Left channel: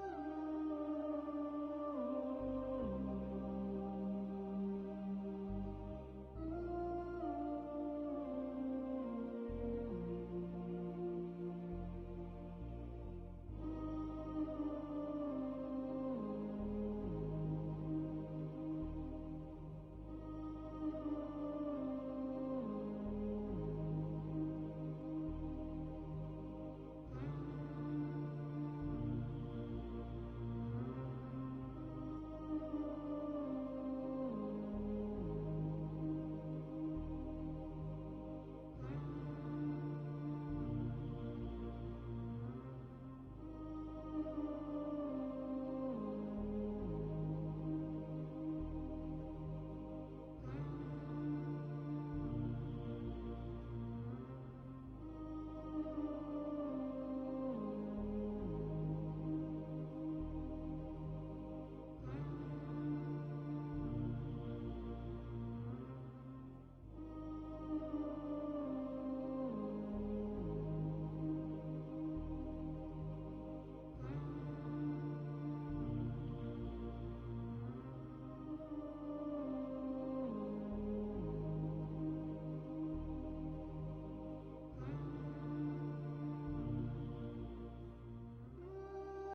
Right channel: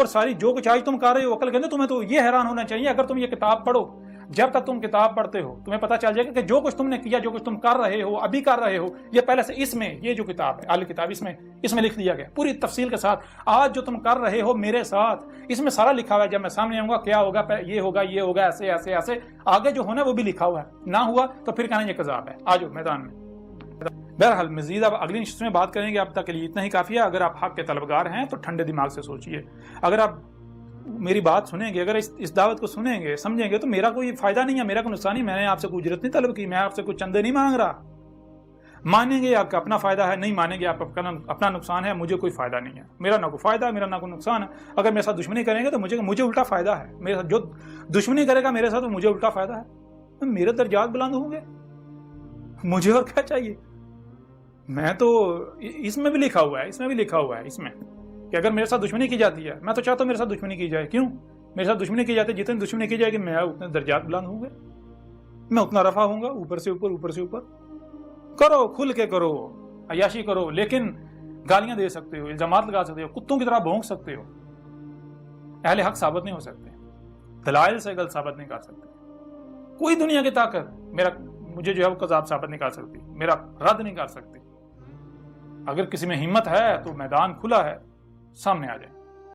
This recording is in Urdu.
اور ساری جو کچھ آج تم کر رہے ہو عقل کے اندر، تمہیں تو یہ حیران ہونا چاہیے اگر تم یہ کتاب پڑھو، جب تک تم کتاب پڑھتے ہو تمہیں پتہ چل جائے گا کہ جو کچھ تم نے کیا، جو کچھ تم کر رہے ہو، ابھی کر رہے ہو، یہ پہلے سے اس میں، یہ جو کتاب ہے الکتاب، اس میں لکھ دیا گیا پوری تفصیل کے ساتھ۔ آج جو تم کر رہے ہو میرے ساتھ، اس میں سارا لکھا ہوا ہے، جب میں سامنے آؤں گا کیا ہوگا، یہ ہوگا، یہ ہوگا، ایسے ایسے ایسے، آگے جو ہونا ہے وہ بھی لکھا ہوا ہے، نہ ہوا تو پھر کہنا یہ کذاب ہے۔ آ جاؤ میدان میں۔ بہرحال مزید اب اگلی نشست میں بات کریں گے، اب تک کے لیے اتنا ہی کافی ہے۔ اگر آپ حق کے طلبگار ہیں تو ٹھنڈے دماغ سے سوچئے، اگر آپ میری بات سنیں گے، اگر اس دعوت کو سنیں گے، سمجھیں گے تو میرا کوئی فائدہ نہیں ہے، میرا کوئی نقصان نہیں، میں نے آپ سے کوئی اجرت نہیں طلب کی، میں آپ سے کوئی چندے نہیں مانگ رہا۔ مانیں گے آپ کا اپنا فائدہ ہے، نہیں مانیں گے آپ کا اپنا نقصان ہے، مجھے کوئی فائدہ نہیں ہے، میرا نہ کوئی فائدہ ہے، میرا نہ کوئی نقصان ہے۔ اگر میرے ساتھ دشمنی کریں گے تو مجھے الٹا فائدہ ہے، میرے ساتھ جو دشمنی کرے گا میرے ساتھ مجھے الٹا فائدہ ہے، میرے درجات بلند ہوں گے، مجھے اور کیا چاہیے۔ میں تو اس میں بھی لکھا ہوا ہے، اس میں کہ اگر میرے ساتھ دشمنی کی جاتی ہے، میں تو چاہتا ہوں میرے ساتھ دشمنی کی جائے، کیوں؟ میرے ساتھ دشمنی کی جاتی ہے، جتنی دشمنی کی جائے گی میں اتنے درجات بلند ہوں گے، میں اتنا رفع ہوں گا، اوپر سے اوپر۔ کرو، کھل کے کرو، عیاشی کرو، لیکن گالیاں دے سکتے ہو، الزامات لگا سکتے ہو، کتوں کی طرح بھونک سکتے ہو، اہل حق ثابت نہیں ہو سکتے، دلائل سے غلط ثابت نہیں کر سکتے، کوئی دنیا کی طاقت مجھے جو ہے وہ کذاب ثابت نہیں کر سکتی، میرا رد نہیں کر سکتی۔ اگر کسی میں ہمت ہے تو میدان کھلا ہے، سامنے آ جائے۔